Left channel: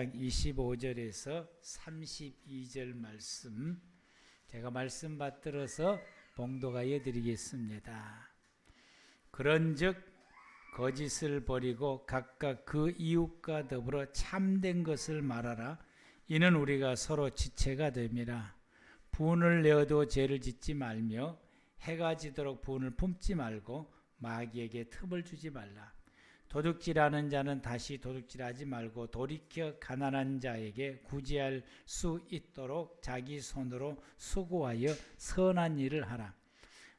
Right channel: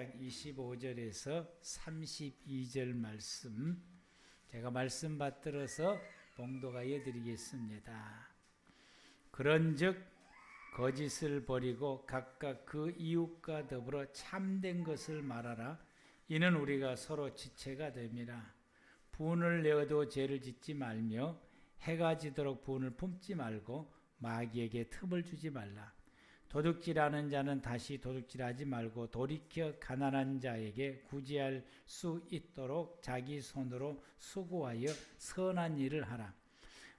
8장 25절에서 32절 말씀, 제가 말씀 받들어서 봉독하여 드리겠습니다. 그런즉 거짓을 버리고 각각 그 이웃과 더불어 참된 것을 말하라. 이는 우리가 서로 지체가 됨이라. 분을 내어도 죄를 짓지 말며 해가 지도록 분을 품지 말고 마귀에게 틈을 주지 말라. 도둑질하는 자는 다시 도둑질하지 말고 돌이켜 가난한 자에게 구제할 수 있도록 자기 손으로 수고하여 선한 일을 하라.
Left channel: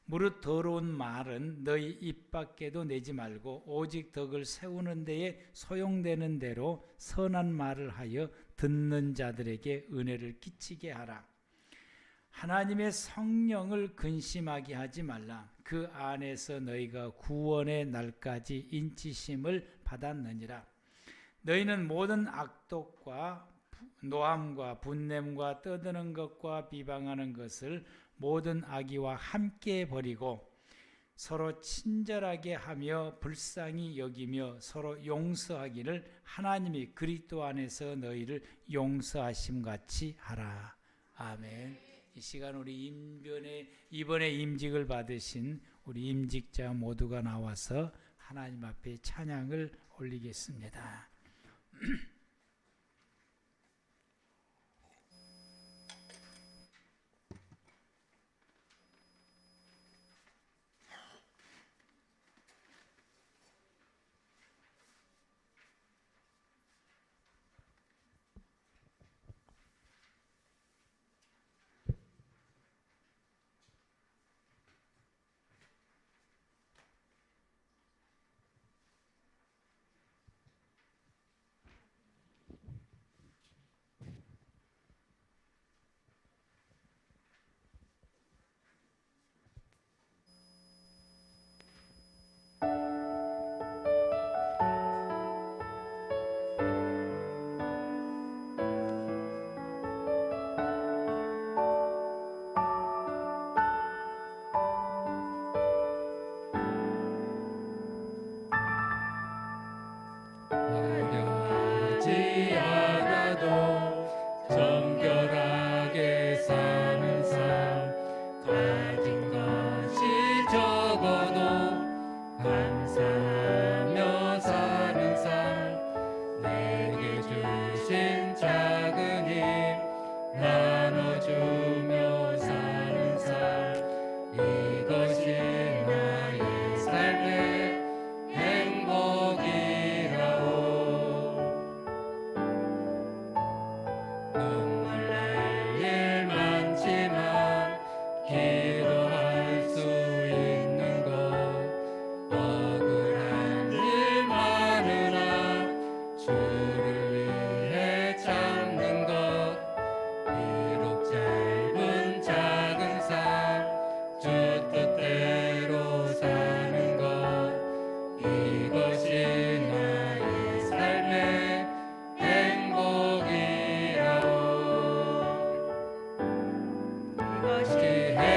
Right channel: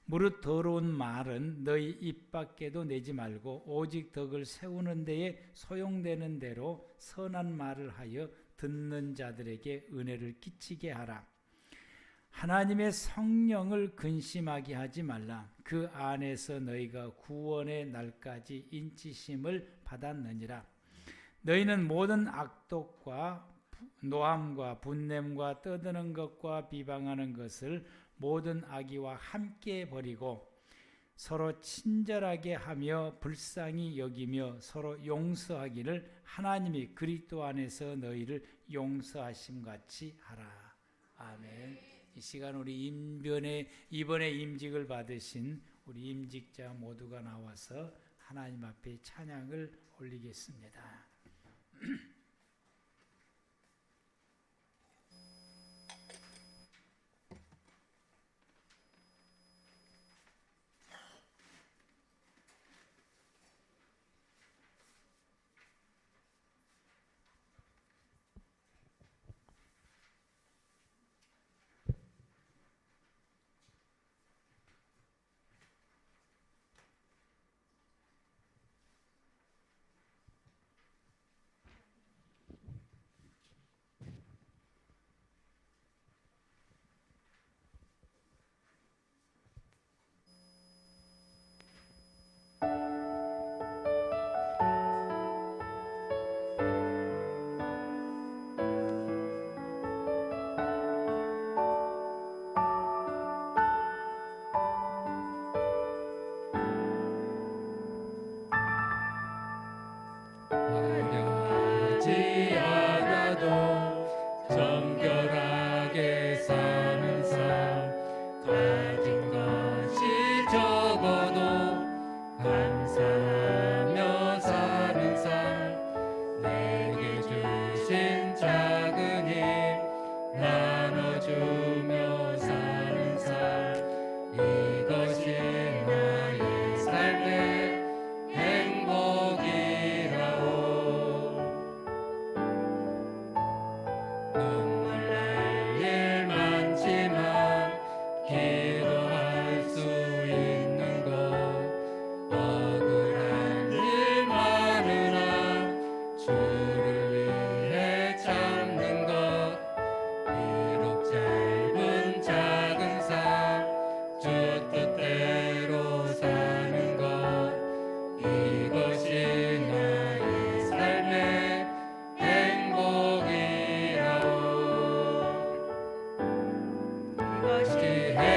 무릇 더러운 말은 너희 입 밖에도 내지 말고 오직 덕을 세우는 데에 소용되는 대로 선한 말을 하여 듣는 자들에게 은혜를 끼치게 하라. 하나님의 성령을 근심하게 하지 말라. 그 안에서 너희가 구원의 날까지 인치심을 받았느니라. 너희는 모든 악독과 노함과 분냄과 떠드는 것과 비방하는 것을 모든 악의와 함께 버리고 서로 친절하게 하며 불쌍히 여기며 서로 용서하기를 하나님이 그리스도 안에서 너희를 용서하심같이 하라. 아멘. 이 시간 우리 이번에 임직을 받으신 우리 임직자 모두가 나와서 하나님 앞에 찬양을 올리겠습니다. 하지 않아도 정결하게 사는 삶, 가진 것이 적어도 감사하며 사는 삶, 내게 주신 작은 힘 나눠주며 사는 삶, 이것이 나의 삶의 행복이라오. 눈물 날 일 많지만 기도할 수 있는 것, 억울한 일 많으나 주를 위해 참는 것, 비록 짧은 작은 삶, 주 뜻대로 사는 것, 이것이 나의 삶의 행복이라오. 이것이 행복이라오.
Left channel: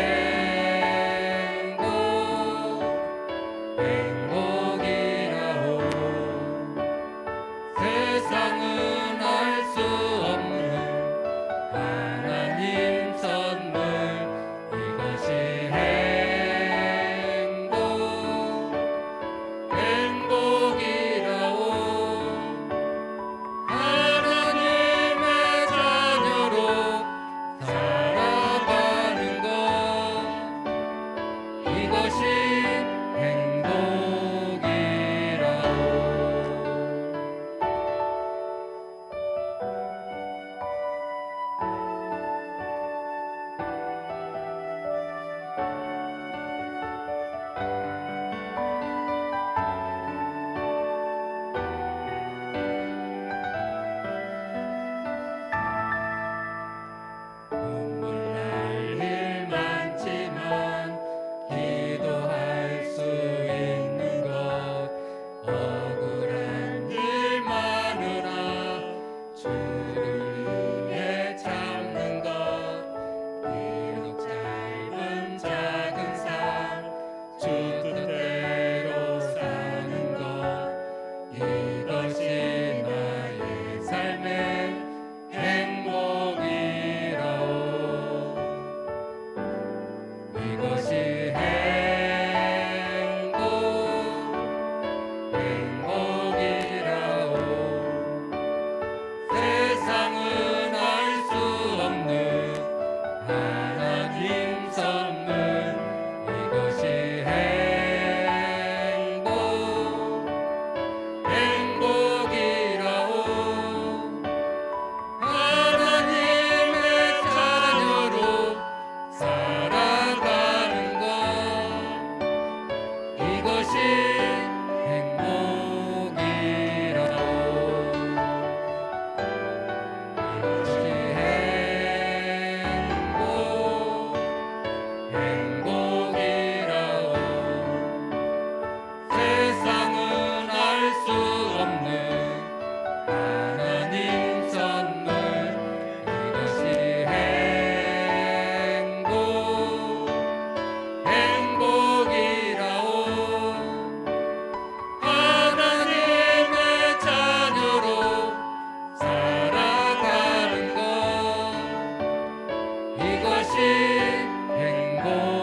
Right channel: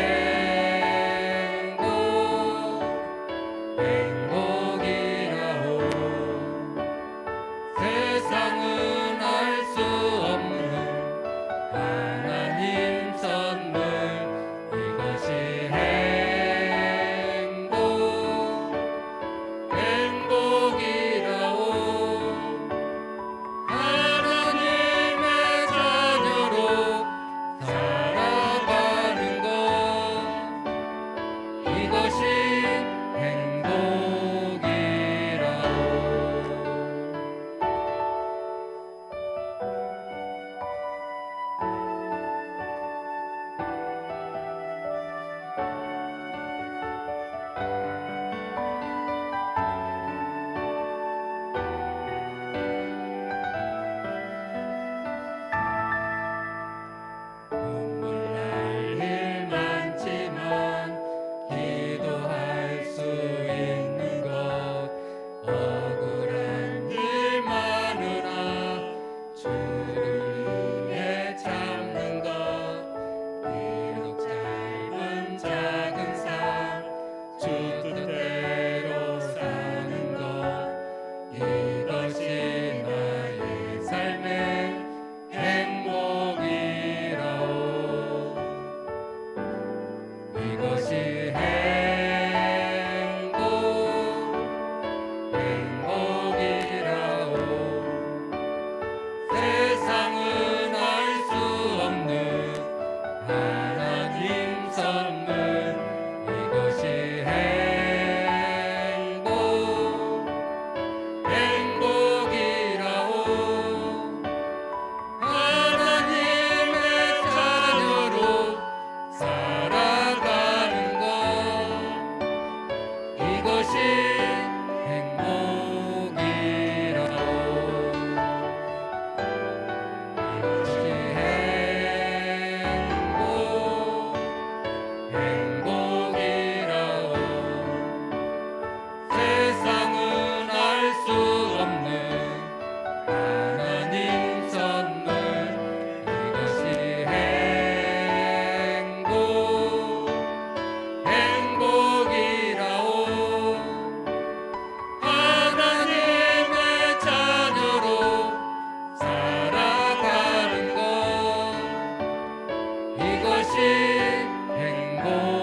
세상은 알 수 없는 하나님 선물, 이것이 행복이라오. 하나님의 자녀로 살아가는 것, 이것이 행복이라오. 눈물 날 일 많지만 기도할 수 있는 것, 억울한 일 많으나 주를 위해 참는 것, 비록 짧은 작은 삶, 주 뜻대로 사는 것, 이것이 나의 삶의 이것이 행복이라오. 세상은 알 수 없는 하나님 선물, 이것이 행복이라오. 하나님의 자녀로 살아가는 것, 이것이 행복이라오.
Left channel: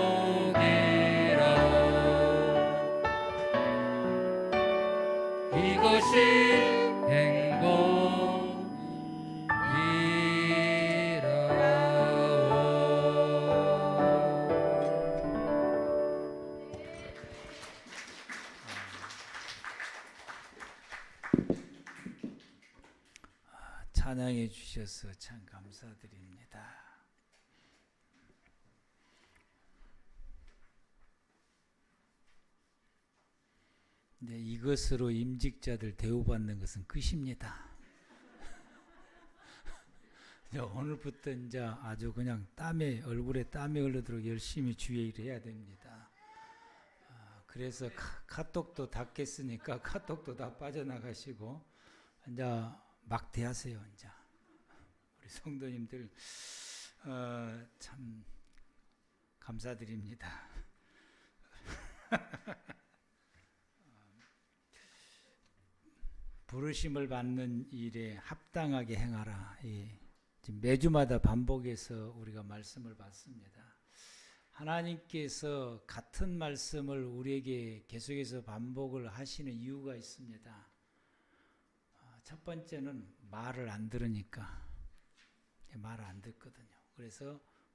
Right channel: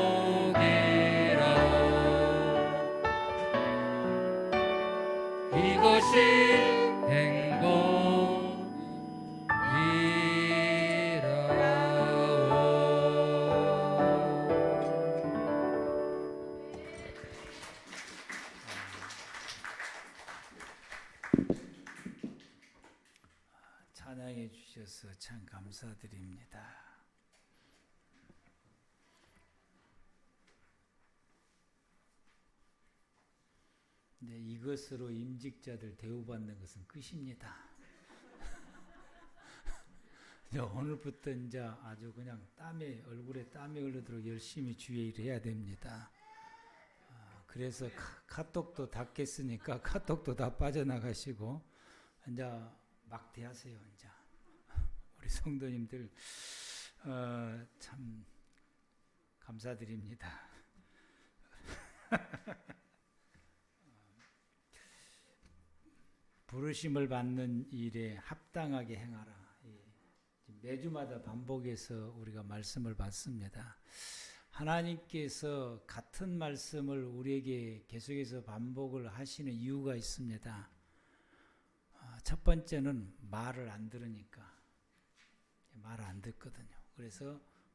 이것이 행복이라오. 찬양해 주셔서 참 감사드립니다. 이제 이것으로 임직자들 대우받는 것은 끝입니다. 오늘부터 이제 아주 그냥 얼굴에 땀이 흘러도록 열심히 주의 일을 해야 됩니다. 그래서 카톡도 닫겠으니까 카톡도 다 빠져나가시고 이제 막대하세요. 이제 우리 성도님들 참 감사드립니다. 부르심을 받는 일에 합당하게 행하라. 지금 매주마다 반복해서 우리가 말씀을 받습니다. 하나님께서 같은 말씀을 우리에게 계속해서 반복을 하시는 이유가 있습니다. 첫 번째는 말을 안 들으니까. 말을 안 듣거든요. 그래서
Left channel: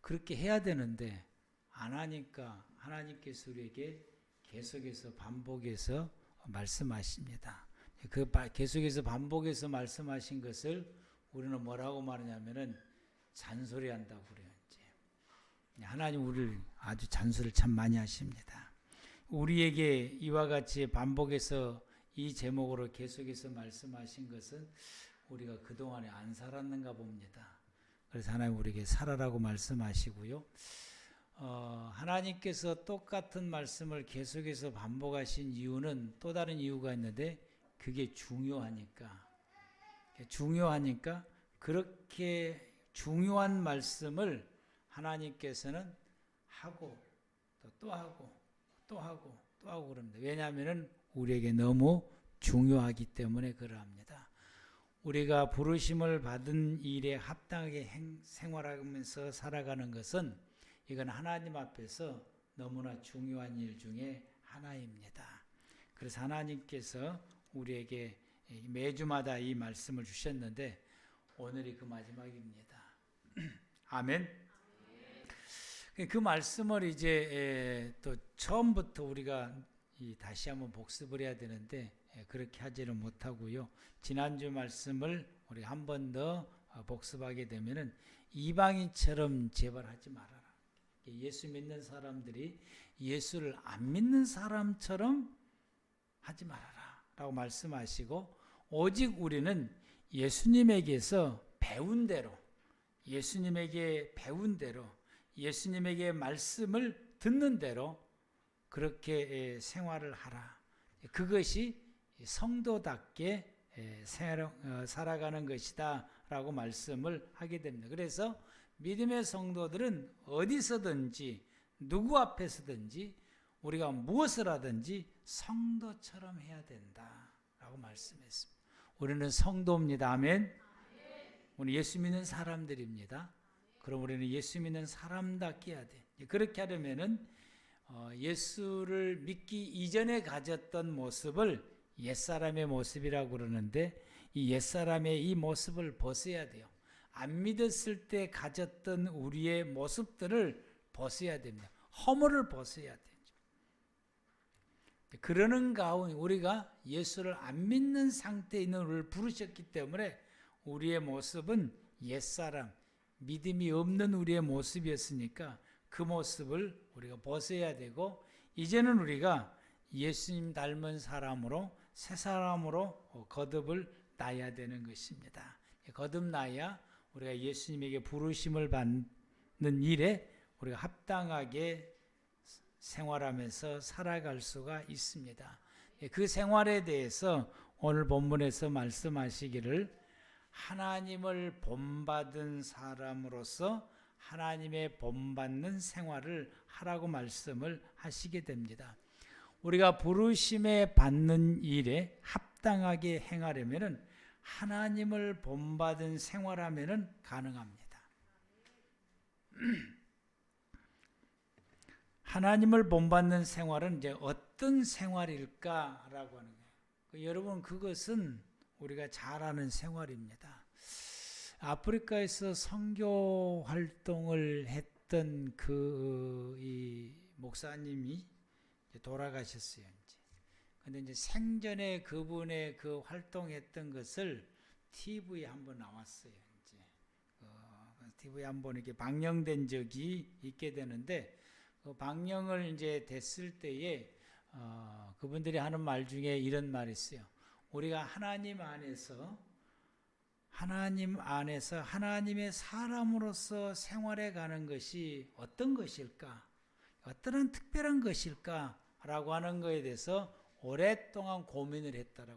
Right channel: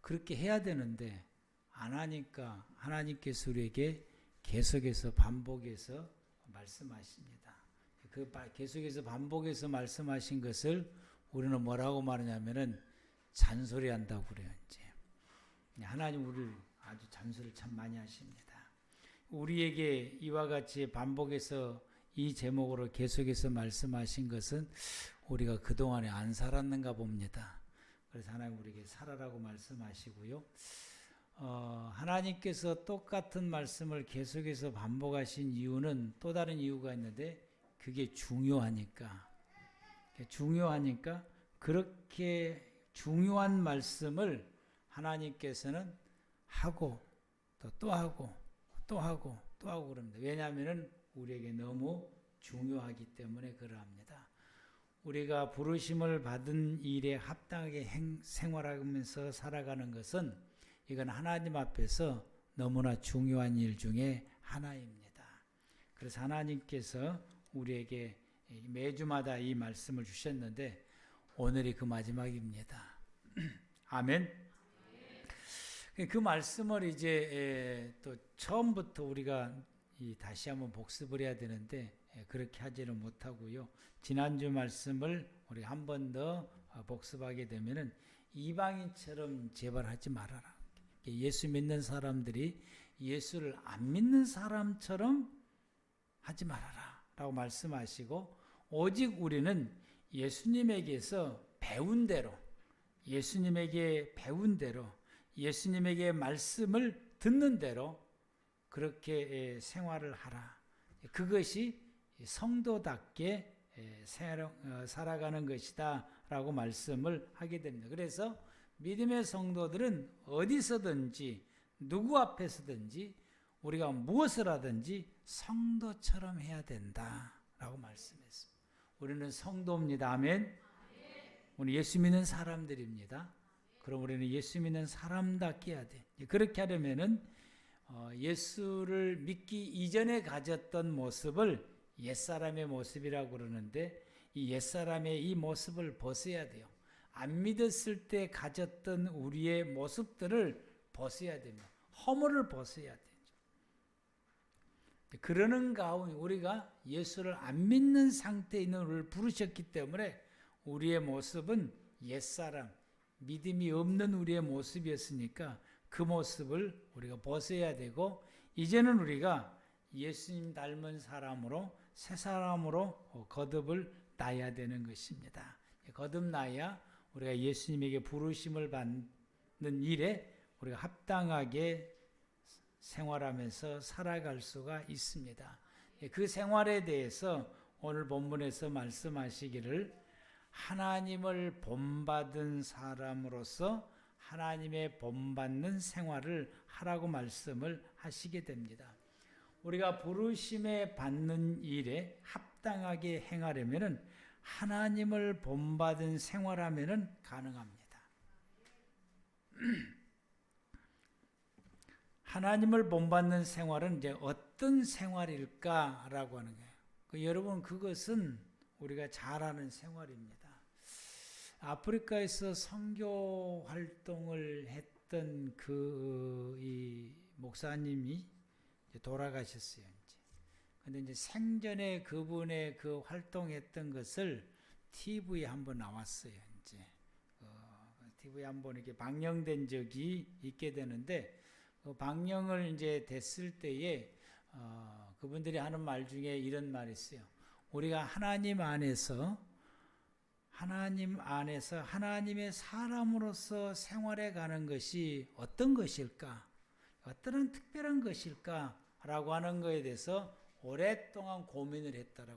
그렇게 해야 되는데 안 하니까 하나님께서 우리에게 계속해서 반복해서 말씀하십니다. 그 계속해서 반복해서 말씀하신 것을 우리는 뭐라고 말하냐면은 잔소리한다고 그래요. 이제 하나님 우리를 아주 잔소리를 참 많이 하십니다. 우리에게 이와 같이 반복해서 이 제목으로 계속해서 말씀하신 것은 우리가 그동안에 안 살았는가 봅니다. 그래서 하나님 우리에게 살아라고 말씀하시고요. 하나님께서 똑같은 말씀을 계속해서 반복하신 이유는 또 다른 이유가 있는데 그게 중요하니까 그렇게 중요한 말씀을 하나님께서는 하고 또 하고 그럽니다. 왜냐하면 우리에게 너무 중요하기 때문에 그러합니다. 우리가 부르심을 받은 일에 합당하게 생활하면서 살아가는 것은 이건 하나님 앞에서 너무나 중요한 일 중에 하나입니다. 그래서 하나님께서 우리에게 매주마다 이 말씀을 주셨는데 오늘이 그 마지막입니다. 아멘. 그 말씀을 이제 또 처음부터 우리가 다시 한번 복습을 해야 되는데 그렇게 하지를 못하고요. 지난주 말씀을 우리 한 번 더 복습하게 되면은 이방인처럼 제발 하지 말아라. 예수 믿는 사람들이 예수를 안 믿는 사람처럼 하지 말아라 라고 말씀하시고 오직 우리는 예수님에게서 배운 대로 예수님에게 말씀을 듣는 대로 그렇게 생활을 하라. 그것이 성도답게 살아가는 것이다 라고 말씀을 하게 됩니다. 그래서 믿음의 성도들은 어디서든지 누구 앞에서든지 우리가 무엇을 하든지 성도처럼 해야 된다 라고 말씀했습니다. 우리는 성도입니다. 아멘. 우리 예수 믿는 사람들입니다. 그럼 우리는 예수 믿는 사람답게 해야 돼. 그렇게 하려면은 예수를 믿기 이전에 가졌던 모습을 옛사람의 모습이라고 그러는데 이 옛사람의 이 모습을 벗어야 돼요. 안 믿었을 때 가졌던 우리의 모습들을 벗어야 됩니다. 허물을 벗어야 되죠. 그러는 가운데 우리가 예수를 안 믿는 상태에 있는 우리를 부르셨기 때문에 우리의 모습은 옛사람, 믿음이 없는 우리의 모습이었으니까 그 모습을 우리가 벗어야 되고 이제는 우리가 예수님 닮은 사람으로 새 사람으로 거듭을 나야 되는 것입니다. 거듭나야 우리가 예수님에게 부르심을 받는 일에 우리가 합당하게 생활하면서 살아갈 수가 있습니다. 그 생활에 대해서 오늘 본문에서 말씀하시기를 하나님을 본받은 사람으로서 하나님의 본받는 생활을 하라고 말씀을 하시게 됩니다. 우리가 부르심에 받는 일에 합당하게 행하려면 하나님을 본받은 생활하면 가능합니다. 하나님을 본받는 생활은 이제 어떤 생활일까라고 하는 거예요. 여러분 그것은 우리가 잘 아는 생활입니다. 아프리카에서 선교 활동을 했던 이 목사님이 돌아가셨어요. 근데 이제 생전에 그분의 그 활동했던 것을 TV에 한번 나왔어요. 이제 TV에 한번 이렇게 방영된 적이 있게 되는데 방영을 이제 됐을 때에 그분들이 하는 말 중에 이런 말이 있어요. 우리가 하나님 안에서 하나님의 사람으로서 생활해 가는 것이 어떤 것일까? 어떠한 특별한 것일까? 라고 하는 것에 대해서 오랫동안 고민을 했더라고요.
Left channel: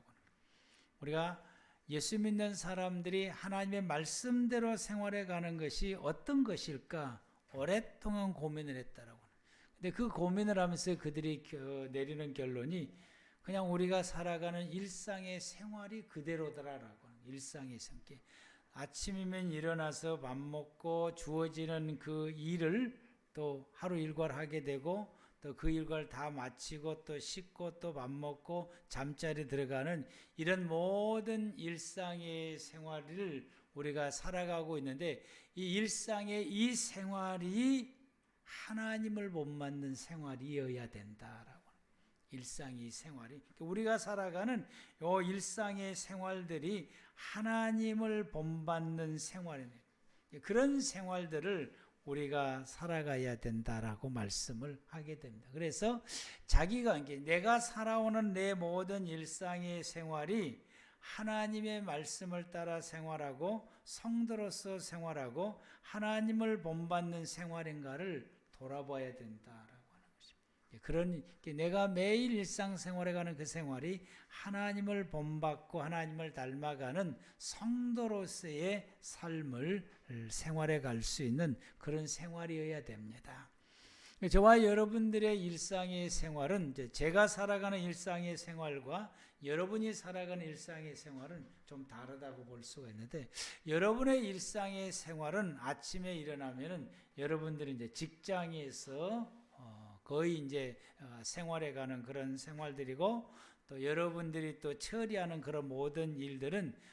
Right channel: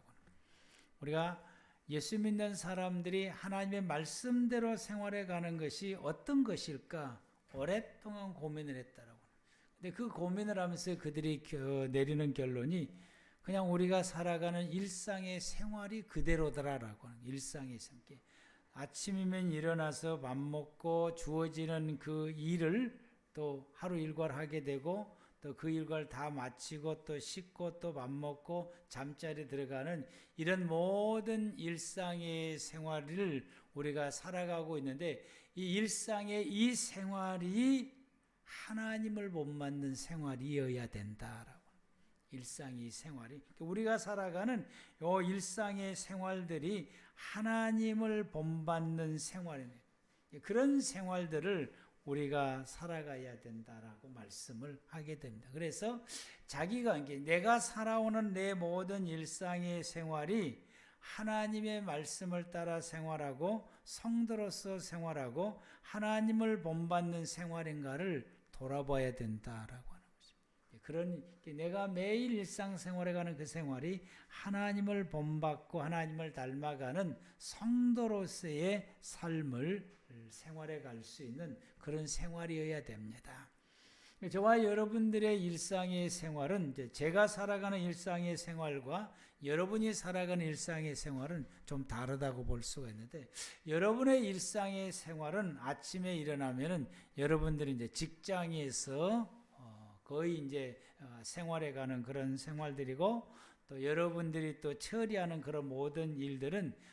우리가 예수 믿는 사람들이 하나님의 말씀대로 생활해 가는 것이 어떤 것일까? 오랫동안 고민을 했더라고요. 근데 그 고민을 하면서 그들이 내리는 결론이 그냥 우리가 살아가는 일상의 생활이 그대로더라라고 하는 일상의 생활. 아침이면 일어나서 밥 먹고 주어지는 그 일을 또 하루 일과를 하게 되고 또 그 일과를 다 마치고 또 씻고 또 밥 먹고 잠자리 들어가는 이런 모든 일상의 생활을 우리가 살아가고 있는데 이 일상의 이 생활이 하나님을 못 맞는 생활이어야 된다라고. 일상의 생활이 우리가 살아가는 이 일상의 생활들이 하나님을 본받는 생활입니다. 그런 생활들을 우리가 살아가야 된다라고 말씀을 하게 됩니다. 그래서 자기가 내가 살아오는 내 모든 일상의 생활이 하나님의 말씀을 따라 생활하고 성도로서 생활하고 하나님을 본받는 생활인가를 돌아봐야 된다라고 하는 것입니다. 그런 내가 매일 일상생활에 가는 그 생활이 하나님을 본받고 하나님을 닮아가는 성도로서의 삶을 생활해 갈 수 있는 그런 생활이어야 됩니다. 저와 여러분들의 일상의 생활은 제가 살아가는 일상의 생활과 여러분이 살아가는 일상의 생활은 좀 다르다고 볼 수가 있는데 여러분의 일상의 생활은 아침에 일어나면은 여러분들이 이제 직장에서 거의 이제 생활해가는 그런 생활들이고 또 여러분들이 또 처리하는 그런 모든 일들은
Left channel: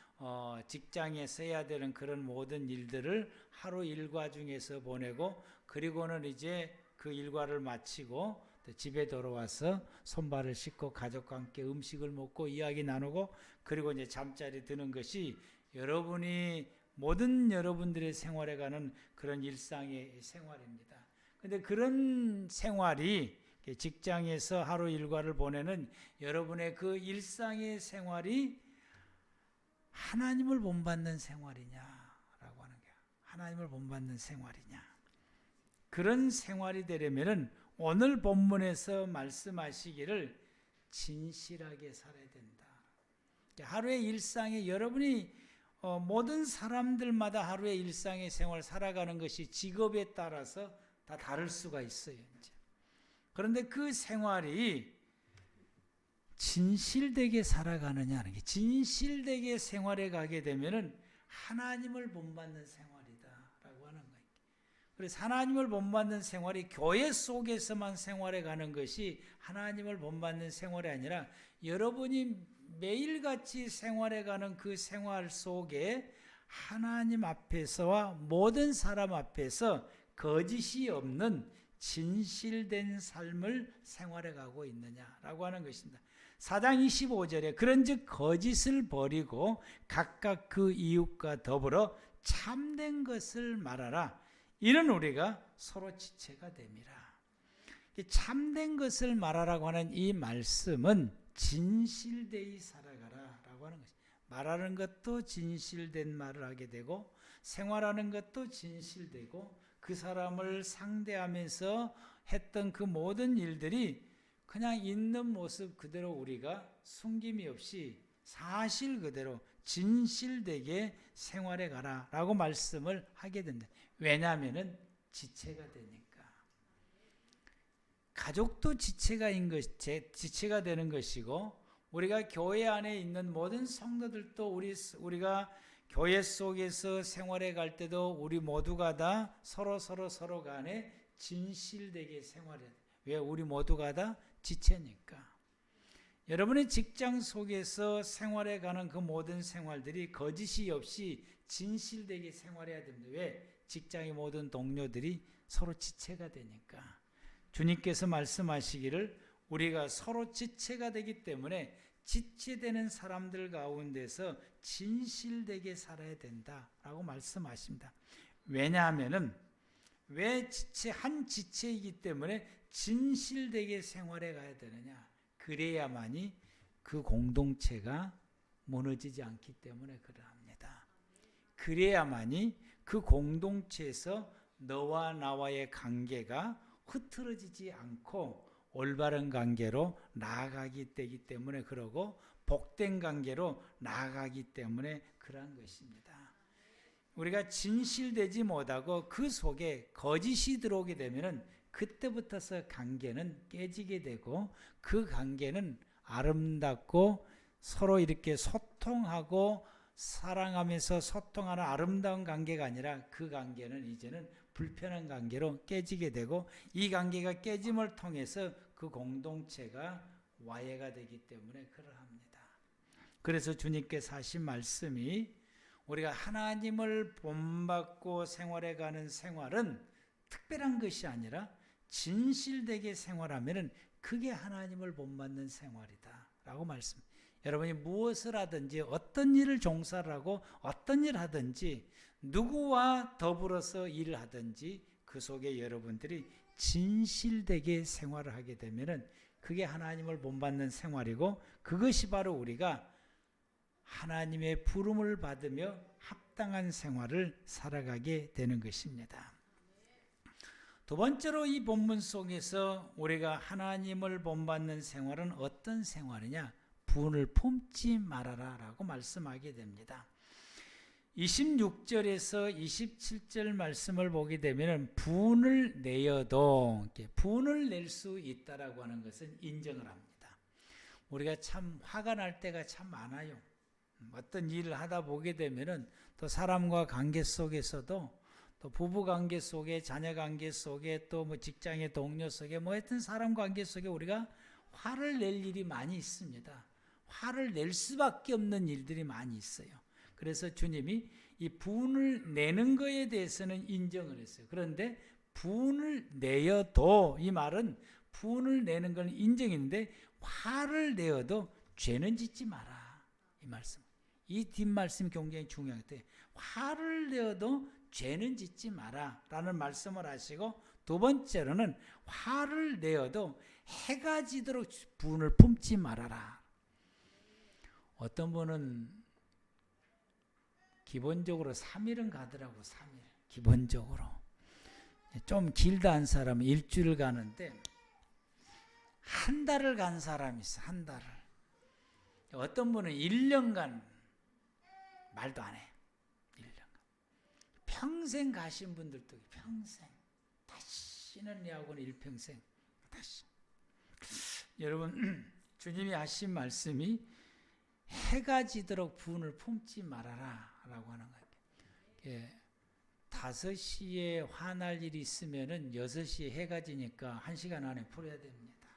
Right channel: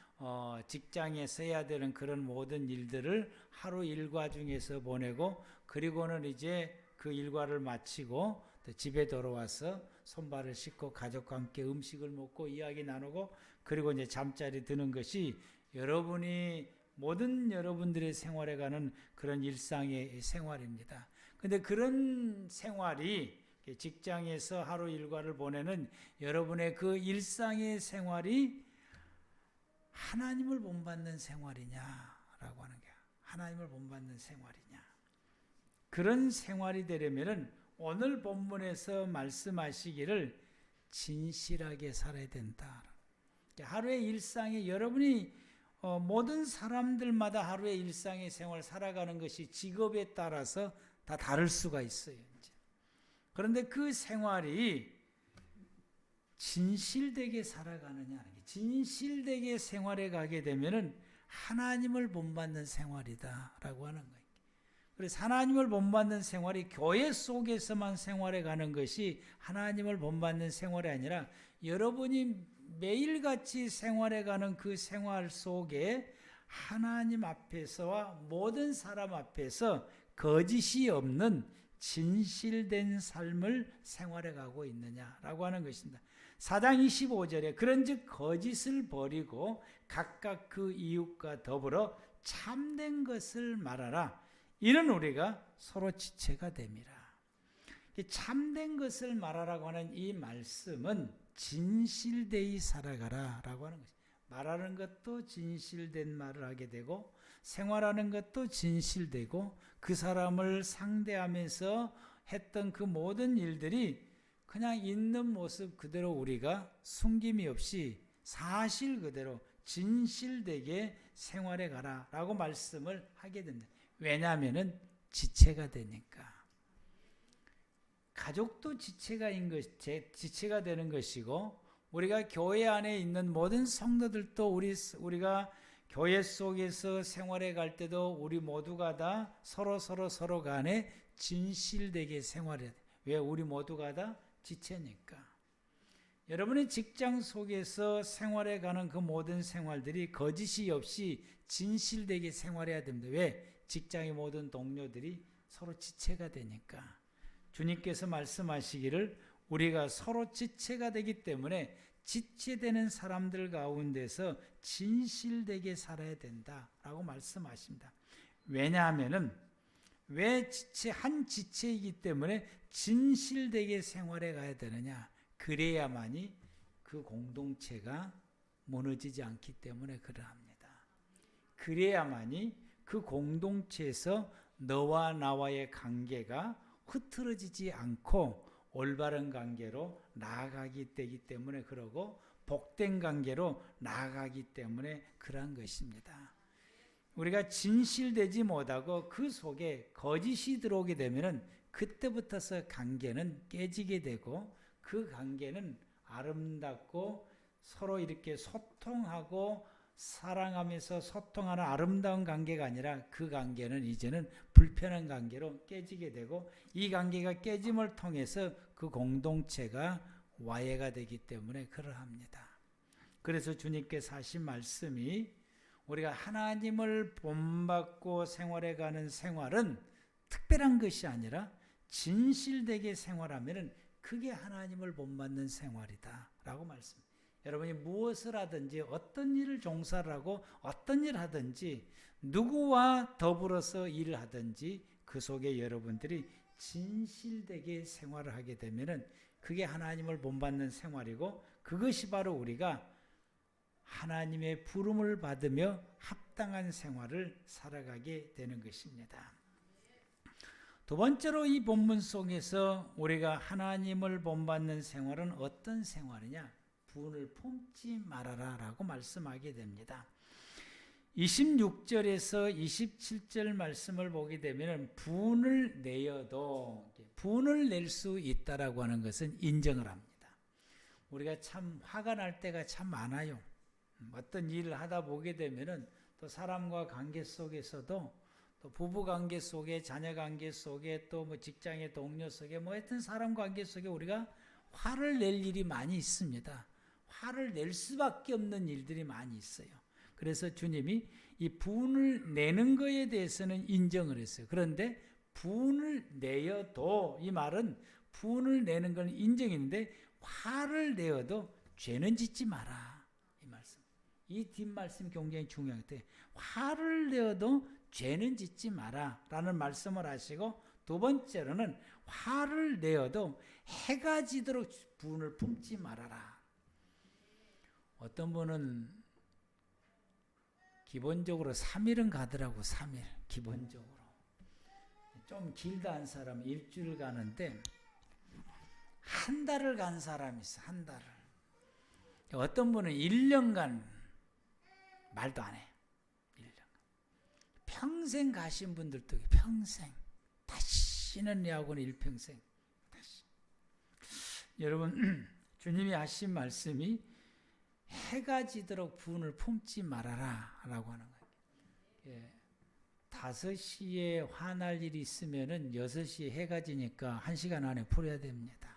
직장에서 해야 되는 그런 모든 일들을 하루 일과 중에서 보내고 그리고는 이제 그 일과를 마치고 또 집에 돌아와서 손발을 씻고 가족과 함께 음식을 먹고 이야기 나누고 그리고 이제 잠자리 드는 것이 모든 여러분들의 생활해가는 그런 일상의 생활입니다. 근데 그런 생활이 직장에서 하루 일과를 보내는 여러분의 그 일상의 생활이 하나님을 본받는 생활이냐라고 하는 거예요. 하나님을 본받는 생활이냐. 그런 생활이 되려면은 오늘 본문에서 말씀하시기를 진실하게 살아야 된다. 하루의 일상에 여러분이 모든 사람들마다 하루의 일상의 생활 살아가는 것이 직업에 따라서 다 다를 수가 있어요. 이제. 그런데 그 생활이 진실되게 살아가느냐는 게 진실되게 생활해 가게 되면 하나님을 본받는 생활이다라고 하는 거예요. 그래서 하나님을 본받는 생활이 교회 속에서만 생활해 가는 것이 하나님을 본받는 생활이 아니라 여러분이 매일같이 생활해 가는 그 생활 속에 하나님 앞에서와 모든 사람 앞에서 거짓이 없는 진실된 삶을 생활해 가고 있느냐라고 하는 것입니다. 4장 25절에 그런즉 거짓을 버리고 각각 그 이웃과 더불어 참된 것을 말하라. 이런 우리가 서로 지체가 됩니다. 참된 것을 말하라고 하는 이 말씀은 진실되이 살아가라 라고 하는 것입니다. 말하는 것도 진실된 말을 하게 되고 생활하는 것도 진실되고 그 사람을 상대하면서 했던 그 모든 일들이 그냥 있는 모습 그대로 우리가 숨김이 없이 사실 그대로 진실되게 생활해 가라 라고 말씀을 하게 된다. 왜냐하면 지체가 되니까. 가족도 지체가 되는 것이고, 우리가 교회 안에 있는 모든 성도들도 우리가 교회 속에서 생활해 갈 때도 우리 모두가 다 서로 간에 진실되게 생활해야 돼. 왜? 우리 모두가 다 지체니까. 여러분의 직장 속에서 생활해 가는 그 모든 생활들이 거짓이 없이 진실되게 생활해야 됩니다. 왜? 직장의 모든 동료들이 서로 지체가 되니까. 주님께서 말씀하시기를 우리가 서로 지체가 되기 때문에 지체되는 사람들 가운데서 진실되게 살아야 된다라고 말씀하십니다. 왜냐하면은 왜 한 지체이기 때문에 진실되게 생활해 가야 되느냐? 그래야만이 그 공동체가 무너지지 않기 때문에 그러합니다. 그래야만이 그 공동체에서 너와 나와의 관계가 흐트러지지 않고 올바른 관계로 나아가기 때문에 그러고 복된 관계로 나아가기 때문에 그러한 것입니다. 우리가 진실되지 못하고 그 속에 거짓이 들어오게 되면 그때부터서 관계는 깨지게 되고 그 관계는 아름답고 서로 이렇게 소통하고 사랑하면서 소통하는 아름다운 관계가 아니라 그 관계는 이제는 불편한 관계로 깨지게 되고 이 관계가 깨짐을 통해서 그 공동체가 와해가 되기 때문에 그러합니다. 그래서 주님께서 하신 말씀이 우리가 하나님을 본받고 생활해가는 생활은 특별한 것이 아니라 진실되게 생활하면 그게 하나님을 본받는 생활이다 라고 말씀. 여러분이 무엇을 하든지 어떤 일을 종사를 하고 어떤 일을 하든지 누구와 더불어서 일을 하든지 그 속에 여러분들이 진실되게 생활을 하게 되면 그게 하나님을 본받는 생활이고 그것이 바로 우리가 하나님의 부름을 받으며 합당한 생활을 살아가게 되는 것입니다. 두 번째로 이 본문 속에서 우리가 하나님을 본받는 생활은 어떤 생활이냐? 분을 품지 말아라 라고 말씀하게 됩니다. 26절에서 27절 말씀을 보게 되면 분을 내어도 분을 낼 수 있다라고 하는 것은 인정을 합니다. 우리가 참 화가 날 때가 참 많아요. 어떤 일을 하다 보게 되면은 또 사람과 관계 속에서도 또 부부 관계 속에 자녀 관계 속에 또 뭐 직장의 동료 속에 뭐 하여튼 사람 관계 속에 우리가 화를 낼 일이 많이 있습니다. 화를 낼 수밖에 없는 일들이 많이 있어요. 그래서 주님이 이 분을 내는 것에 대해서는 인정을 했어요. 그런데 분을 내어도 이 말은 분을 내는 건 인정인데 화를 내어도 죄는 짓지 마라. 이 말씀. 이 뒷말씀이 굉장히 중요한데 화를 내어도 죄는 짓지 마라 라는 말씀을 하시고 두 번째로는 화를 내어도 해가 지도록 분을 품지 말아라. 어떤 분은 기본적으로 3일은 가더라고. 3일 기본적으로 좀 길다 한 사람은 일주일 가는데 한 달을 간 사람이 있어. 한 달을. 어떤 분은 1년간 말도 안 해. 1년간. 평생 가신 분들도 평생 다시는 내하고는 일평생 다시. 여러분 주님이 하신 말씀이 해가 지도록 분을 품지 말아라 라고 하는 거예요. 5시에 화날 일이 있으면은 6시에 해가 지니까 1시간 안에 풀어야 됩니다.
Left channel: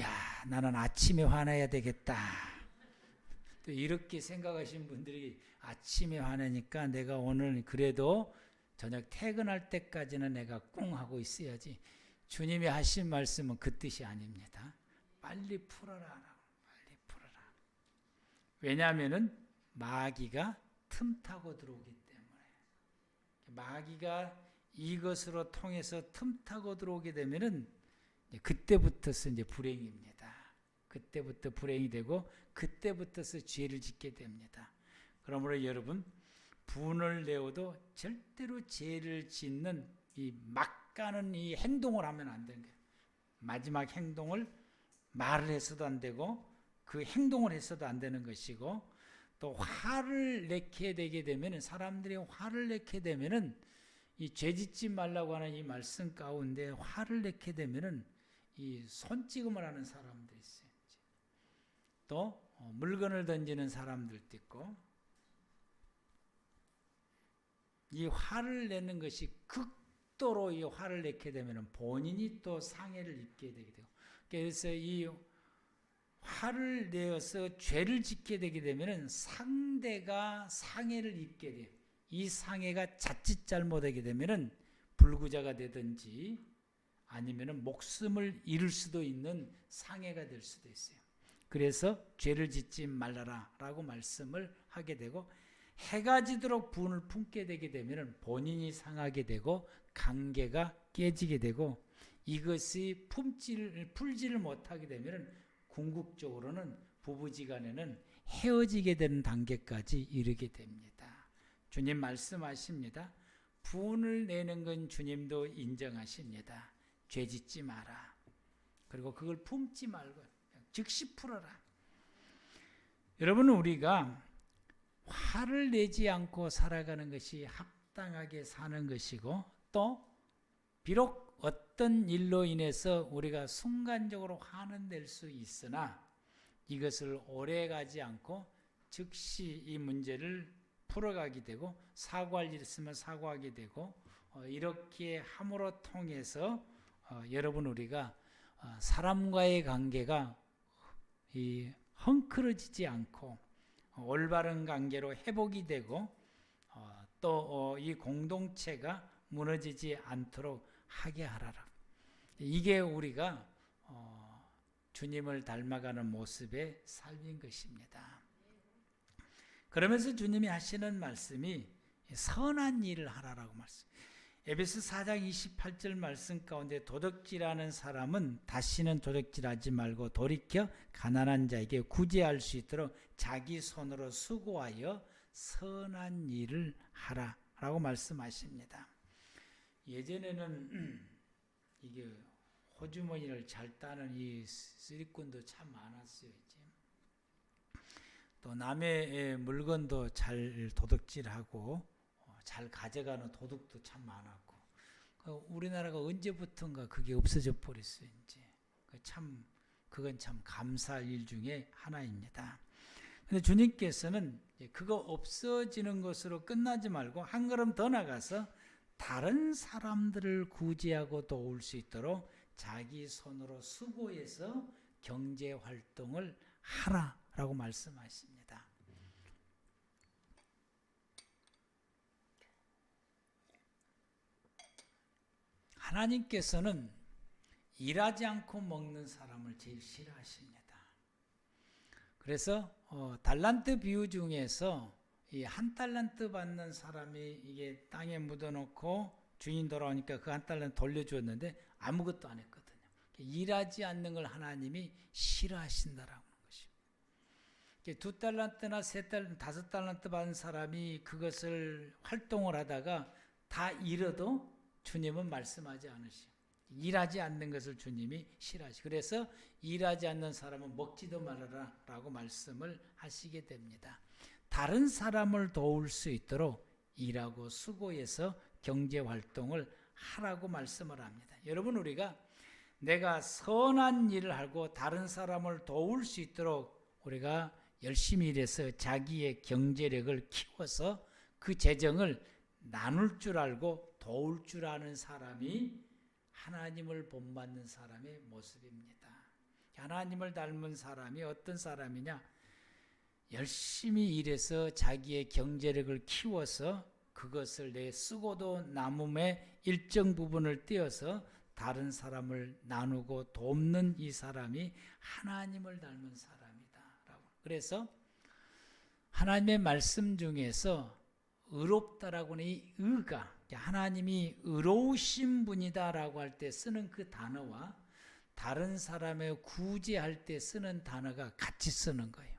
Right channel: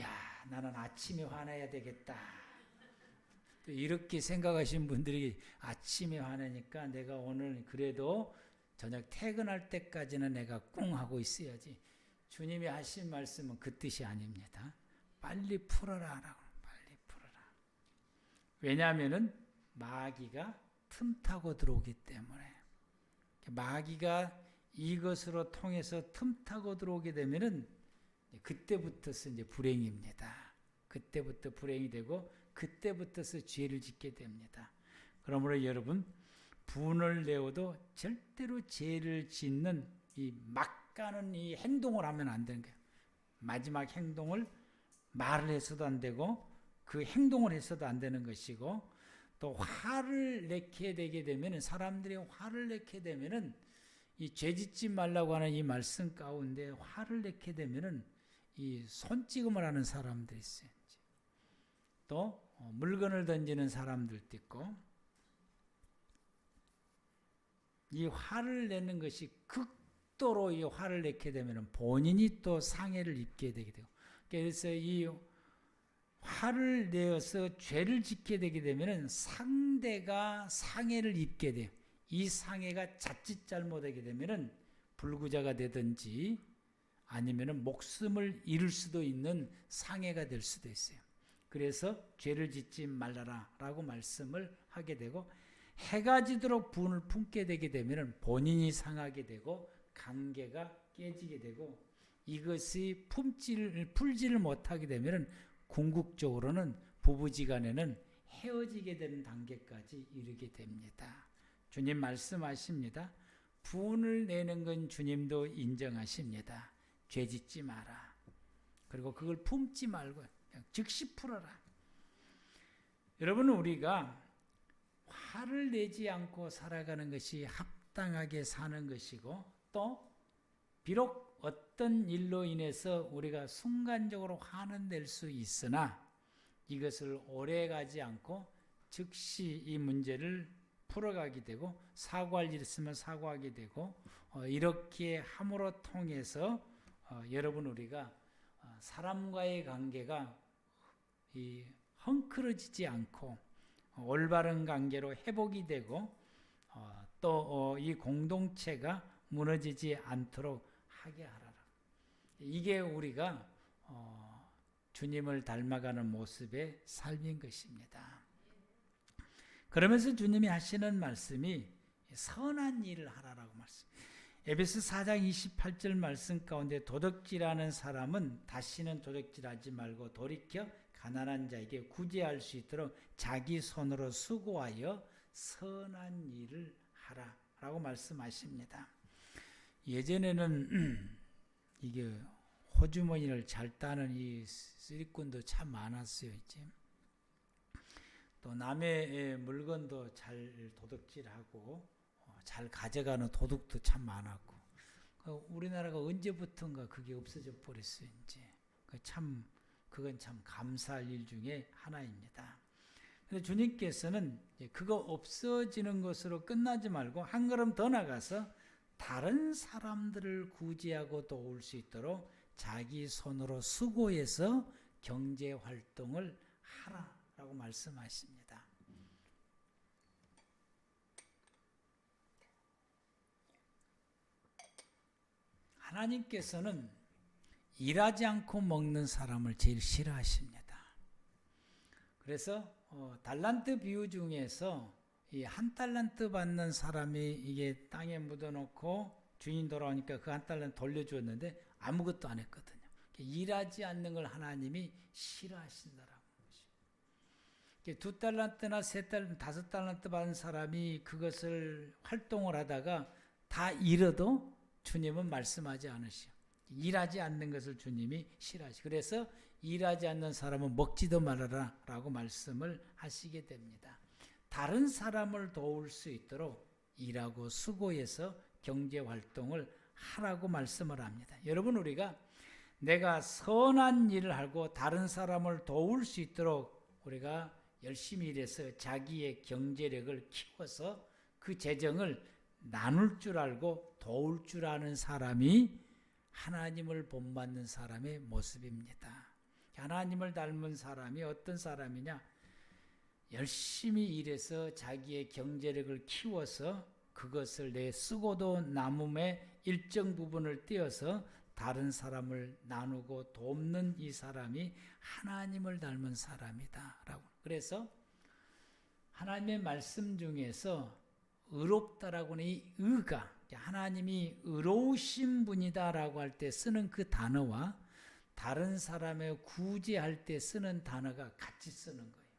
야, 나는 아침에 화내야 되겠다. 또 이렇게 생각하신 분들이 아침에 화내니까 내가 오늘 그래도 저녁 퇴근할 때까지는 내가 꽁 하고 있어야지. 주님이 하신 말씀은 그 뜻이 아닙니다. 빨리 풀어라 라고. 왜냐하면은 마귀가 틈타고 들어오기 때문에 마귀가 이것으로 통해서 틈타고 들어오게 되면은 그때부터서 이제 불행입니다. 그때부터 불행이 되고 그때부터서 죄를 짓게 됩니다. 그러므로 여러분 분을 내어도 죄를 짓는 이 막가는 이 행동을 하면 안 되는 거예요. 마지막 행동을 말을 해서도 안 되고 그 행동을 해서도 안 되는 것이고, 또 화를 내게 되게 되면, 사람들이 화를 내게 되면은 이 죄짓지 말라고 하는 이 말씀 가운데 화를 내게 되면은 이 손찌검을 하는 사람들이 있어요. 또 물건을 던지는 사람들도 있고, 이 화를 내는 것이 극도로 이 화를 내게 되면 본인이 또 상해를 입게 되게 돼요. 그래서 이 화를 내어서 죄를 짓게 되게 되면 상대가 상해를 입게 돼요. 이 상해가 자칫 잘못하게 되면은 불구자가 되든지 아니면은 목숨을 잃을 수도 있는 상해가 될 수도 있어요. 그래서 죄를 짓지 말라라 라고 말씀을 하게 되고, 해가 지도록 분을 품게 되게 되면 본인이 상하게 되고 관계가 깨지게 되고, 이것이 풀지를 못하게 되면 궁극적으로는 부부지간에는 헤어지게 되는 단계까지 이르게 됩니다. 주님 말씀하십니다. 분을 내는 건 주님도 인정하십니다. 죄 짓지 마라. 그리고 그걸 품지 말고 그냥 즉시 풀어라. 여러분, 우리가 화를 내지 않고 살아가는 것이 합당하게 사는 것이고, 또 비록 어떤 일로 인해서 우리가 순간적으로 화는 낼 수 있으나 이것을 오래 가지 않고 즉시 이 문제를 풀어가게 되고, 사과할 일 있으면 사과하게 되고, 이렇게 함으로 통해서 여러분, 우리가 사람과의 관계가 이 헝클어지지 않고 올바른 관계로 회복이 되고, 또 이 공동체가 무너지지 않도록 하게 하라라. 이게 우리가 주님을 닮아가는 모습의 삶인 것입니다. 그러면서 주님이 하시는 말씀이 선한 일을 하라라고 말씀. 에베소 4장 28절 말씀 가운데 도둑질하는 사람은 다시는 도둑질하지 말고 돌이켜 가난한 자에게 구제할 수 있도록 자기 손으로 수고하여 선한 일을 하라라고 말씀하십니다. 예전에는 이게 호주머니를 잘 따는 이 쓰리꾼도 참 많았어요. 이제 또 남의 물건도 잘 도둑질하고 잘 가져가는 도둑도 참 많았고, 우리나라가 언제부턴가 그게 없어져 버렸어요. 그건 참 감사할 일 중에 하나입니다. 근데 주님께서는 그거 없어지는 것으로 끝나지 말고 한 걸음 더 나가서 다른 사람들을 구제하고 도울 수 있도록 자기 손으로 수고해서 경제 활동을 하라라고 말씀하십니다. 하나님께서는 일하지 않고 먹는 사람을 제일 싫어하십니다. 그래서 달란트 비유 중에서 이 한 달란트 받는 사람이 이게 땅에 묻어놓고 주인 돌아오니까 그 한 달란트 돌려줬는데 아무것도 안 했거든요. 일하지 않는 걸 하나님이 싫어하신다라고 하는 것이고, 두 달란트나 세 달란트, 다섯 달란트 받은 사람이 그것을 활동을 하다가 다 잃어도 주님은 말씀하지 않으시오. 일하지 않는 것을 주님이 싫어하시오. 그래서 일하지 않는 사람은 먹지도 말아라 라고 말씀을 하시게 됩니다. 다른 사람을 도울 수 있도록 일하고 수고해서 경제활동을 하라고 말씀을 합니다. 여러분, 우리가 내가 선한 일을 하고 다른 사람을 도울 수 있도록 우리가 열심히 일해서 자기의 경제력을 키워서 그 재정을 나눌 줄 알고 도울 줄 아는 사람이 하나님을 본받는 사람의 모습입니다. 하나님을 닮은 사람이 어떤 사람이냐? 열심히 일해서 자기의 경제력을 키워서 그것을 내 쓰고도 남음의 일정 부분을 떼어서 다른 사람을 나누고 돕는 이 사람이 하나님을 닮은 사람이다 라고. 그래서 하나님의 말씀 중에서 의롭다라고 하는 이 의가, 하나님이 의로우신 분이다라고 할 때 쓰는 그 단어와 다른 사람의 구제할 때 쓰는 단어가 같이 쓰는 거예요.